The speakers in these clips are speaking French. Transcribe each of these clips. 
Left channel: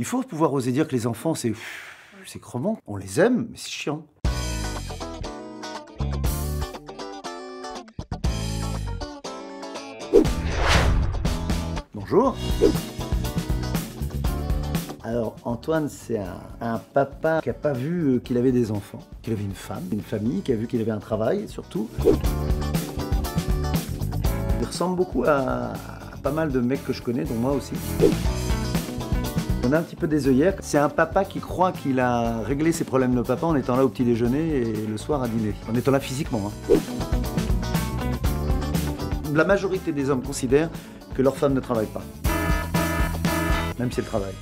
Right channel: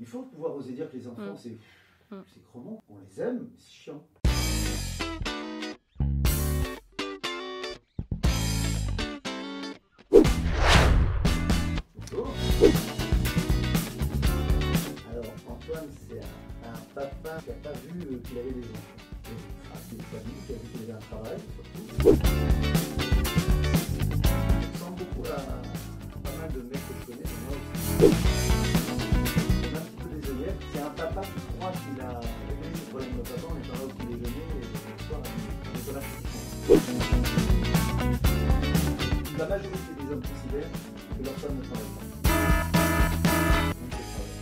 Il faut pouvoir oser dire que les enfants, c'est crevant. On les aime, mais c'est chiant. Bonjour. Alors, Antoine, c'est un papa qui n'a pas vu qu'il avait des enfants, qu'il avait une femme, une famille, qui a vu qu'il avait un travail, surtout. Il ressemble beaucoup à pas mal de mecs que je connais, dont moi aussi. On a un petit peu des œillères. C'est un papa qui croit qu'il a réglé ses problèmes de papa en étant là au petit déjeuner et le soir à dîner. En étant là physiquement. La majorité des hommes considèrent que leur femme ne travaille pas. Même si elle travaille.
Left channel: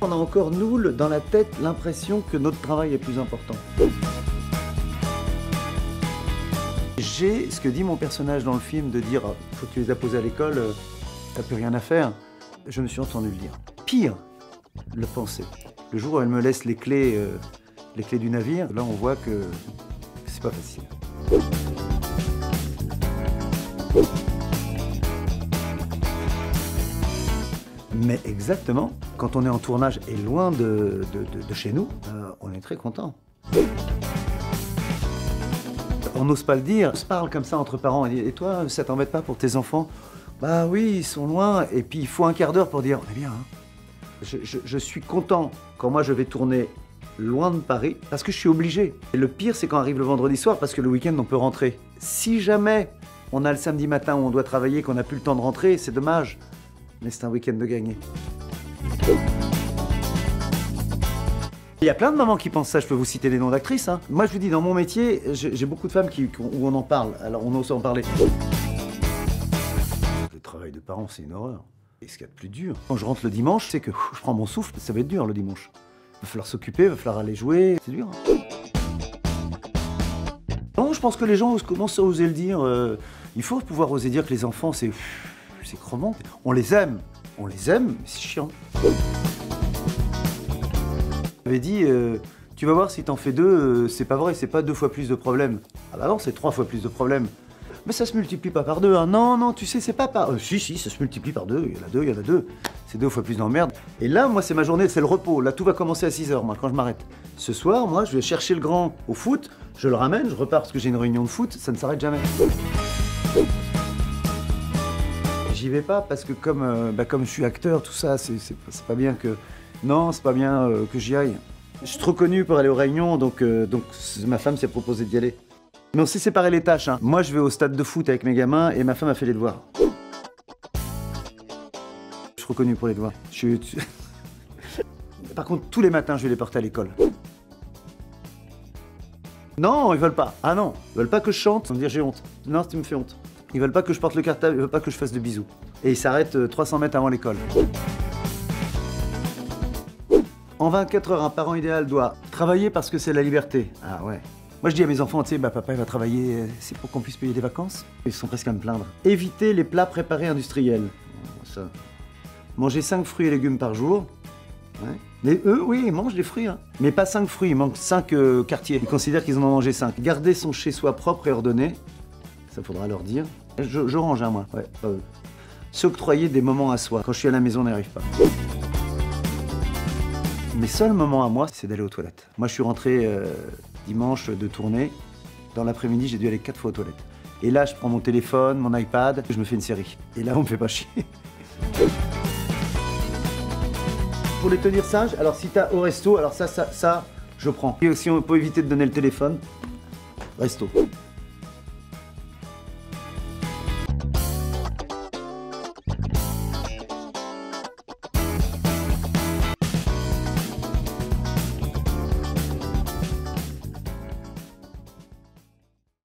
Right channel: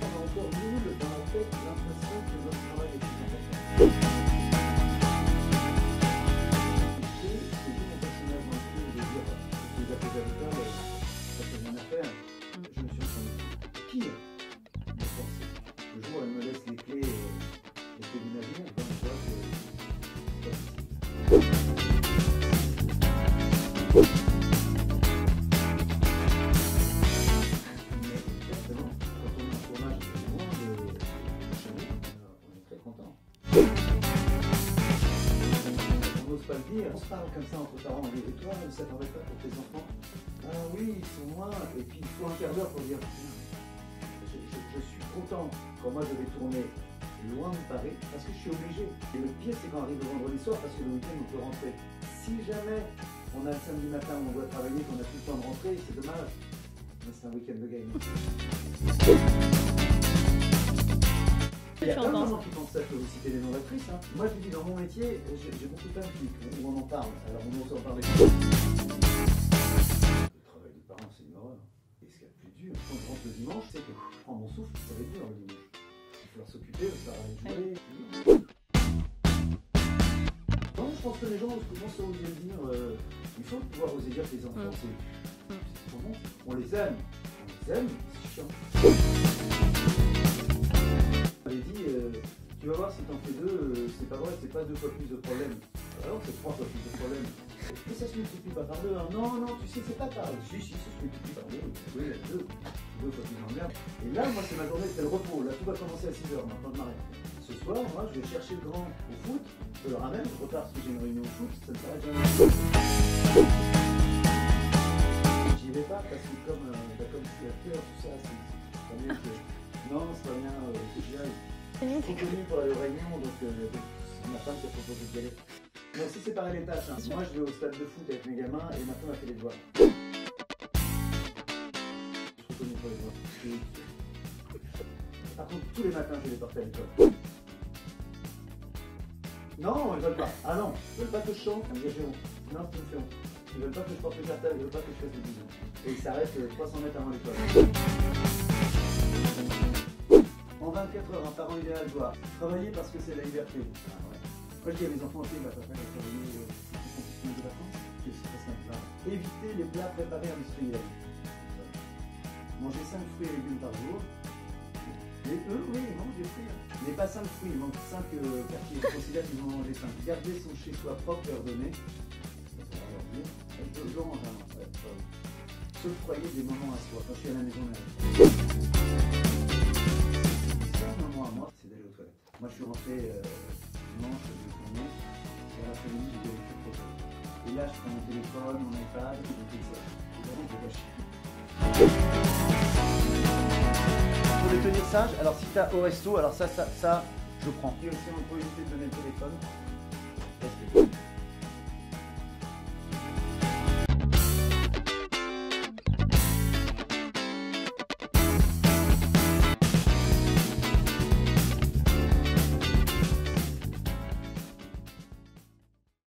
On a encore, nous, dans la tête, l'impression que notre travail est plus important. J'ai ce que dit mon personnage dans le film de dire « faut que tu les as posés à l'école, t'as plus rien à faire ». Je me suis entendu dire. Pire, le penser. Le jour où elle me laisse les clés du navire, là on voit que c'est pas facile. Mais exactement, quand on est en tournage et loin de chez nous, on est très content. On n'ose pas le dire, on se parle comme ça entre parents. Et toi, ça t'embête pas pour tes enfants? Bah oui, ils sont loin. Et puis il faut un quart d'heure pour dire, eh bien, hein. Je suis content quand moi je vais tourner loin de Paris, parce que je suis obligé. Et le pire, c'est quand arrive le vendredi soir, parce que le week-end, on peut rentrer. Si jamais on a le samedi matin où on doit travailler, qu'on n'a plus le temps de rentrer, c'est dommage. Mais c'est un week-end de gagné. Il y a plein de mamans qui pensent ça, je peux vous citer des noms d'actrices. Hein. Moi je vous dis, dans mon métier, j'ai beaucoup de femmes où on en parle, alors on ose en parler. Le travail de parent, c'est une horreur. Et ce qu'il y a de plus dur, quand je rentre le dimanche, c'est que je prends mon souffle, ça va être dur le dimanche. Il va falloir s'occuper, il va falloir aller jouer, c'est dur. Non, je pense que les gens commencent à oser le dire. Il faut pouvoir oser dire que les enfants, c'est crevant. On les aime, mais c'est chiant. J'avais dit, tu vas voir si t'en fais deux, c'est pas vrai, c'est pas 2 fois plus de problèmes. Ah bah non, c'est 3 fois plus de problèmes. Mais ça se multiplie pas par 2, hein. Non, non, tu sais, c'est pas par... si, ça se multiplie par 2, il y en a deux. C'est 2 fois plus d'emmerde. Et là, moi, c'est ma journée, c'est le repos. Là, tout va commencer à 6 h, moi, quand je m'arrête. Ce soir, moi, je vais chercher le grand au foot, je le ramène, je repars parce que j'ai une réunion de foot, ça ne s'arrête jamais. J'y vais pas parce que comme je suis acteur, tout ça, c'est pas bien que... Non, c'est pas bien que j'y aille. Je suis trop connu pour aller aux réunions, donc ma femme s'est proposée d'y aller. Mais on s'est séparé les tâches. Hein. Moi, je vais au stade de foot avec mes gamins et ma femme a fait les devoirs. Je suis trop connu pour les devoirs. Par contre, tous les matins, je vais les porter à l'école. Non, ils veulent pas. Ah non, ils veulent pas que je chante. Ils vont me dire j'ai honte. Non, tu me fais honte. Ils veulent pas que je porte le cartable, ils veulent pas que je fasse de bisous. Et ils s'arrêtent 300 mètres avant l'école. En 24 heures, un parent idéal doit travailler parce que c'est la liberté. Ah ouais. Moi je dis à mes enfants, tu sais, papa il va travailler, c'est pour qu'on puisse payer des vacances. Ils sont presque à me plaindre. Éviter les plats préparés industriels. Ça. Manger 5 fruits et légumes par jour. Ouais. Mais eux, oui, ils mangent des fruits, hein. Mais pas 5 fruits, ils mangent 5 quartiers. Ils considèrent qu'ils en ont mangé 5. Garder son chez-soi propre et ordonné. Ça faudra leur dire. Je range, hein, moi. Ouais, s'octroyer des moments à soi. Quand je suis à la maison, on n'y arrive pas. Mes seuls moments à moi, c'est d'aller aux toilettes. Moi, je suis rentré dimanche de tournée. Dans l'après-midi, j'ai dû aller 4 fois aux toilettes. Et là, je prends mon téléphone, mon iPad, je me fais une série. Et là, on me fait pas chier. Pour les tenir sages, alors si t'as au resto, alors ça, je prends. Et aussi, on peut éviter de donner le téléphone. Resto.